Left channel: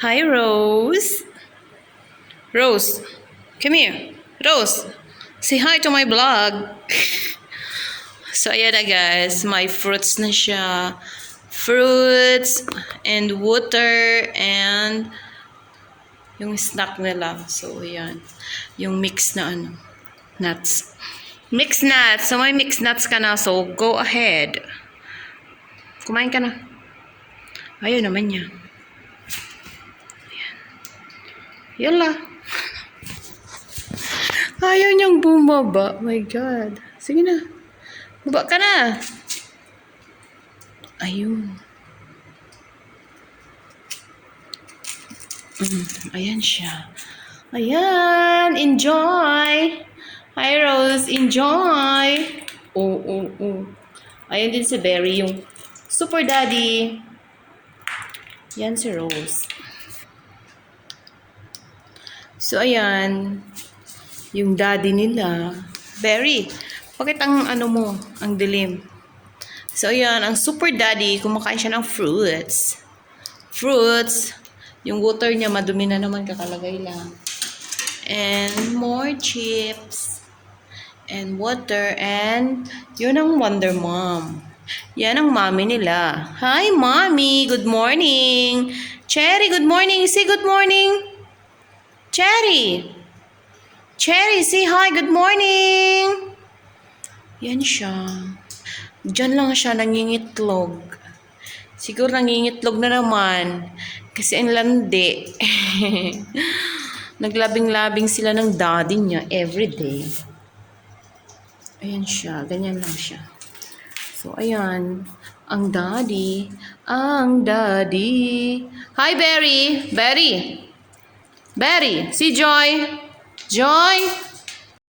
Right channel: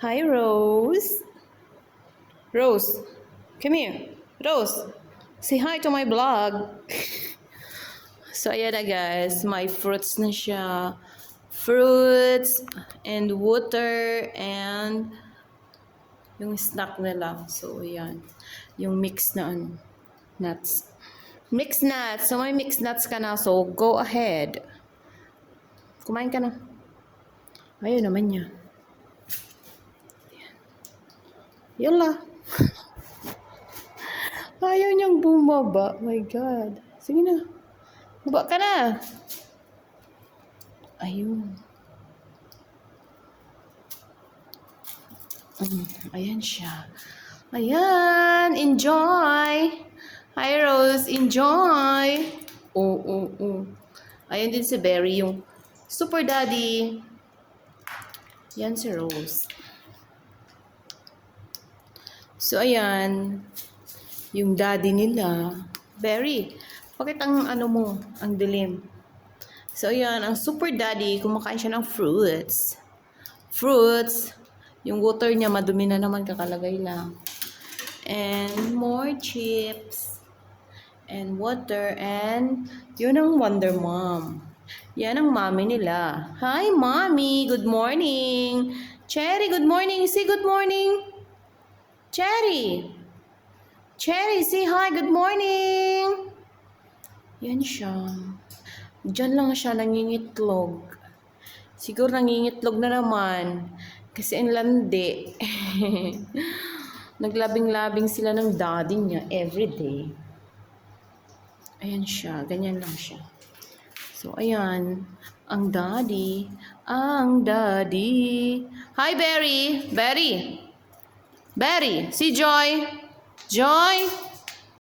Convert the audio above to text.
Hi, Rose. Rose, come here. Rose, say hi to my vlog. So, ayan na guys. May fruits na siya. Fruits and water and yung snack nila. So, ayan. Yung mix na nuts. Mixed nuts. So, may mixed nuts ka na. So, go ahead. Kumain ka na. Ayun naman niya. Yala. Ayaw niyang bumaba. Oh my God. Sige na. Baba ka na. Ayun. Ayan siya. Ayan. Enjoy. Hi, Rose. Enjoy. Oo. Ayan din si Berry, yung super daddy. Yan si Rose. So, ayan. Yung daddy nila. Berry, bakit ang mo, ang dilim? So, ayan. Ang super daddy, kumakain siya ng fruits. Fruits. Yung water niya, madumi na naman, kakalagay lang. And more chips. And water. And yun ang Wonder Mom. Yan ang mommy nila. Hi, mommy. Good morning. Cherry, good morning. Say good morning. Cherry. Cherry, say hi. Good morning. Yan siya. Diyan lang siya nangingitlog. Siguro nangingitlog na naman. Kasi ang landi. Naglabing-labing sila ng daddy niya everyday. Ayan siya. Ganyan lang siya. So, ayan. Ang daddy. Ang daddy. Hi, Berry. Berry. Berry. Si Joy. Joy.